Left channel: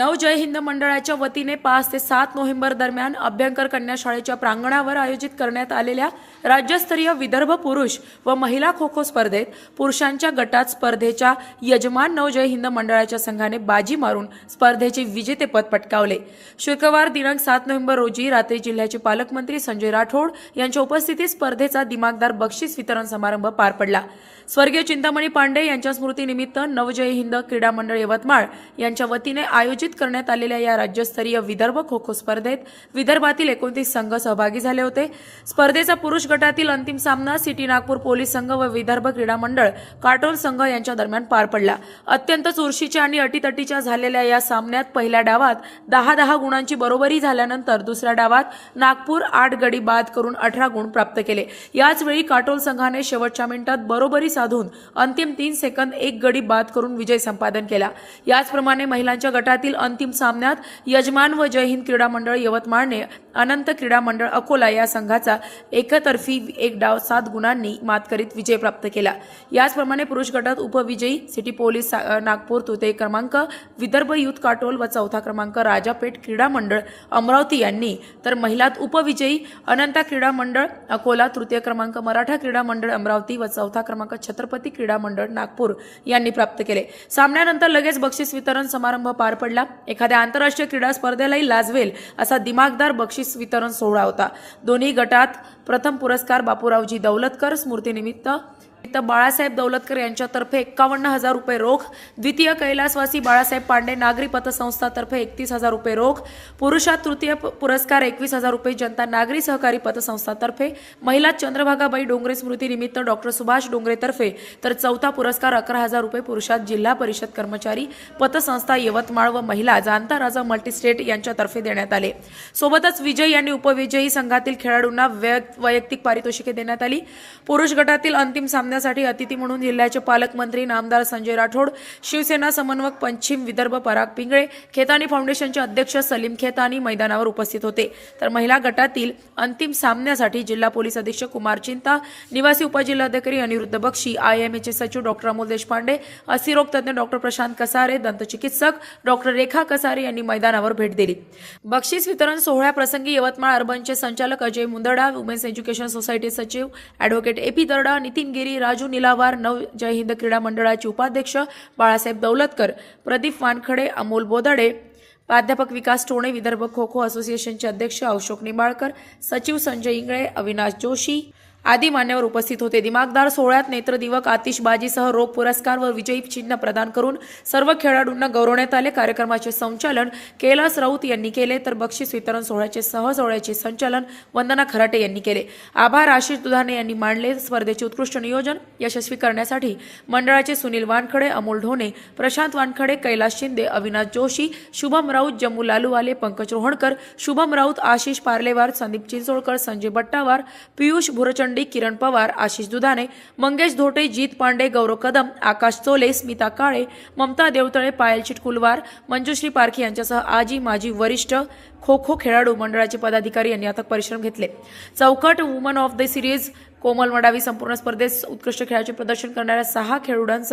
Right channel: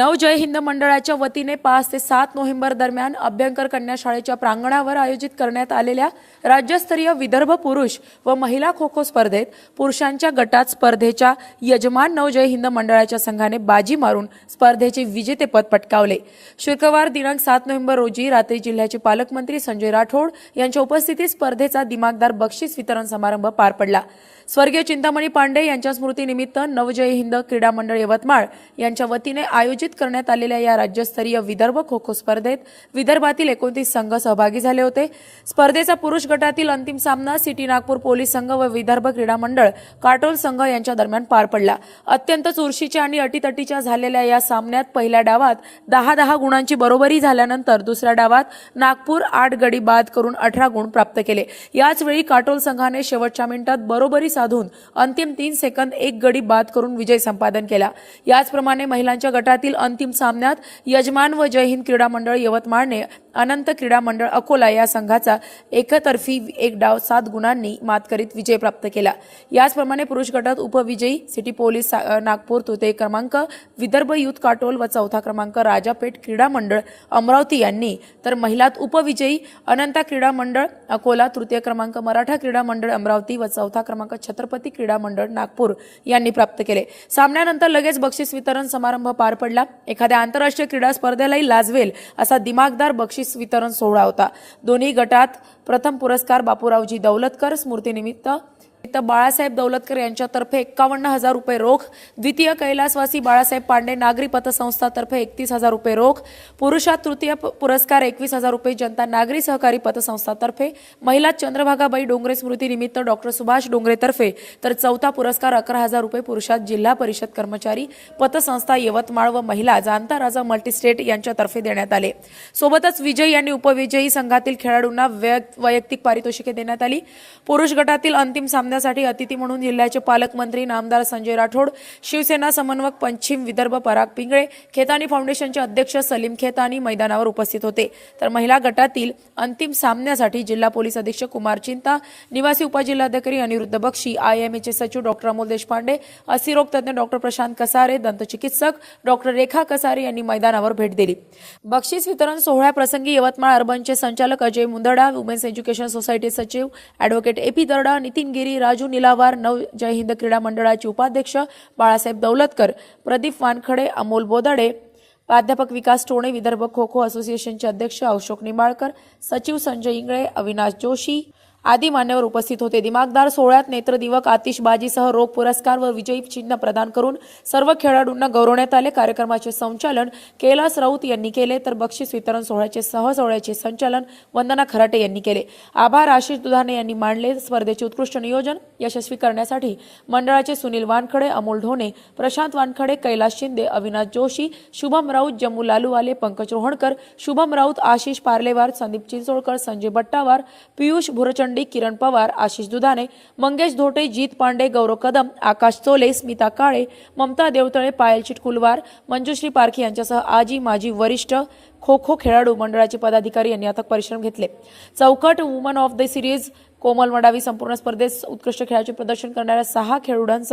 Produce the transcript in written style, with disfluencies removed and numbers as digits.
नव जय हिंद मंडळाच्या वतीने 5 ते 7 नोव्हेंबर दरम्यान अभ्यंकर कन्या शाळेच्या प्रांगणावर आयोजित करण्यात आलेल्या राज्यस्तरीय विदर्भ पुरुष व महिला खो खो स्पर्धेत पुरुषांच्या गटात स्पर्धेच्या यजमान नव जय हिंद मंडळाच्या संघाने बाजी मारून स्पर्धेचे विजेतेपद पटकावले। शुक्रवार दिनांक 7 नोव्हेंबर रोजी रात्री जिल्ह्याचे पालकमंत्री संजय राठोड यांच्या उपस्थितीत स्पर्धेचा दिमागदार बक्षीस वितरण समारंभ पार पडला। स्वर्गीय चिंतामणी पांडे यांच्या स्मृतीनिमित्त नवजय हिंद क्रीडा मंडळ यवतमाळ यांच्या वतीने आयोजित करण्यात आलेल्या या राज्यस्तरीय विदर्भ खो खो स्पर्धेत विदर्भातील 29 संघ सहभागी झाले होते। स्पर्धेचा पुरुष गटातील अंतिम सामना सिटी नागपूर पोलीस संघ व विदर्भ क्रीडा मंडळ काटोल संघ यांच्या दरम्यान पार पडला। अत्यंत चुरशीच्या आणि अटीतटीच्या झालेल्या या सामन्यात पहिल्या डावात 10-10 गुणांची बरोबरी झाल्यानंतर दुसऱ्या डावात नागपूर 8 गडी बाद करून 18 गुण प्राप्त केले। याच वेळी काटोल संघाने शेवटच्या मिनिटात बरोबरी साधून अंतिम 3 सेकंद 1 गडी बाद करून विजय संपादन केला। याचप्रमाणे महिलांच्या गटातील अंतिम सामन्यात यजमान व जय हिंद क्रीडा मंडळ यवतमाळने अनंत क्रीडा मंडळ अकोला या संघाचा एकतर्फी 1 डाव 7 गुणांनी मात करीत विजय प्राप्त केला। याचप्रमाणे पुरुष गटात उपविजयी सिटी पोलीस नागपूर तृतीय क्रमांक, विदर्भ युथ काटोल व चौथा क्रमांक राजापेठ क्रीडा मंडळ अमरावती यांनी, तर महिलात उपविजयी अनंता क्रीडा मंडळ अकोला, तृतीय क्रमांक मराठा क्रीडा मंडळ अमरावती व चौथा क्रमांक छत्रपती क्रीडा मंडळ नागपूर यांनी प्राप्त केले। सामन्यानंतर लगेच बक्षीस वितरण समारंभ पार पडला। एखाद्या आंतरराष्ट्रीय क्रीडा स्पर्धेलाही लाजवेल असा दिमागदार बक्षीस वितरण सोहळा होता। दोन्ही गटात प्रथम पुरस्कार बापूरावजी दौलतकर स्मृतीनिमित्त बाळासाहेब दौलतकर यांच्यातर्फे 51,000 रुपये रोख, द्वितीय कैलासवासी बाळासाहेब पांडे नागरी पतसंस्थातर्फे 31,000 रुपये रोख, पुरुषात तृतीय पुरस्कार 21,000 रुपये जनता नागरी सहकारी पतसंस्थातर्फे, महिला चंद्रभागाबाई डोंगरे स्मृतीनिमित्त डॉक्टर सुभाष डोंगरेतर्फे, तर चौथा पुरस्कार 11,000 रुपये पुरुषात जिल्हा परिषद कर्मचारी पतसंस्था यवतमाळ व महिला जाणता राजा मल्टीस्टेट यांच्यातर्फे देण्यात आले। सोबतच विजयी आणि उपविजयी संघातील खेळाडूंना वैयक्तिक पारितोषिके देण्यात आली। पुरुष गटातील अंतिम सामन्यासाठी अतिथी म्हणून जिल्ह्याचे पालकमंत्री नामदार संजय राठोड, शिवसेना समन्वयक पश्चिम विदर्भ पराग पिंगळे, खेतानी फाउंडेशनचे अध्यक्ष सलीम खेतानी मैदानावर उपस्थित होते। तर महिला गटातील अंतिम सामन्यासाठी जिल्हा पोलीस अधीक्षक कुमार चिंता, निवासी उपजिल्हाधिकारी अनिरुद्ध बक्षी, IMAचे सचिव डॉक्टर अमोल देशपांडे, अस्थिरोग तज्ञ डॉक्टर प्रशांत कसारे, दंतचिकित्सक डॉक्टर रेखा कसारे यांनी मैदानावर भेट दिली। बक्षीस वितरण सोहळ्याप्रसंगी यवतमाळ अर्बनचे संचालक Ajay Mundada, women's education society सचिव ॲडव्होकेट AP दर्डा, नितीन गिरी, राजू निलावार, नव जय हिंद क्रीडा मंडळाचे उपाध्यक्ष बाळासाहेब दौलतकर, प्रदीप वानखडे, अमोल बोदाडे, प्राध्यापक विकास टोणे, विदर्भ खो खो असोसिएशनचे अध्यक्ष अशोक निंबाळकर, सचिव संजय इंगळे, अविनाश जोशी आदी मान्यवर उपस्थित होते। दिमागदार सोहळ्यात नेत्रदिवक, आतिषबाजीसह रोख पुरस्कार व विजयी चिन्ह प्रदान करून सर्व खेळाडूंना गौरवण्यात आले। कार्यक्रमाचे संचालन कैलास राऊत यांनी केले, तर बक्षीस वितरण सोहळ्याचे संचालन वंदना खराटे यांनी केले। आभार आशिष दुधाणे यांनी मानले। स्पर्धेचे उत्कृष्ट नियोजन यशस्वी करण्यासाठी मंडळाचे सुनील वानखडे, अमोल ढोणे, प्रशांत वानखडे, कैलास शिंदे, अविनाश जोशी, शुभम राऊत, जम्मू लालूवाले, पंकज रोहणकर, शुभम राऊत, आशिष पार्लेवार, संदीप चिंचोळकर, संजय बट्टावार, पियुष भुरचंडी, किरण पवार, आशिष दुधाणे, मंगेश धोटे, जीत पांडे, गौरव कदम, आकाश चोले, स्मिता काळे, ममता देवतळे, पायल चिटकुलवार, मंजुश्री पारखी यांच्यासह आजी माजी वरिष्ठ खो खो खेळाडू मंडळाचे पदाधिकारी यांनी अथक परिश्रम घेतले। चौकट वुमन ऑफ द सिरीज कोमल मडावी संपूर्ण स्पर्धेत उत्कृष्ट खेळाचे प्रदर्शन करणाऱ्या 6 खेळाडूंचा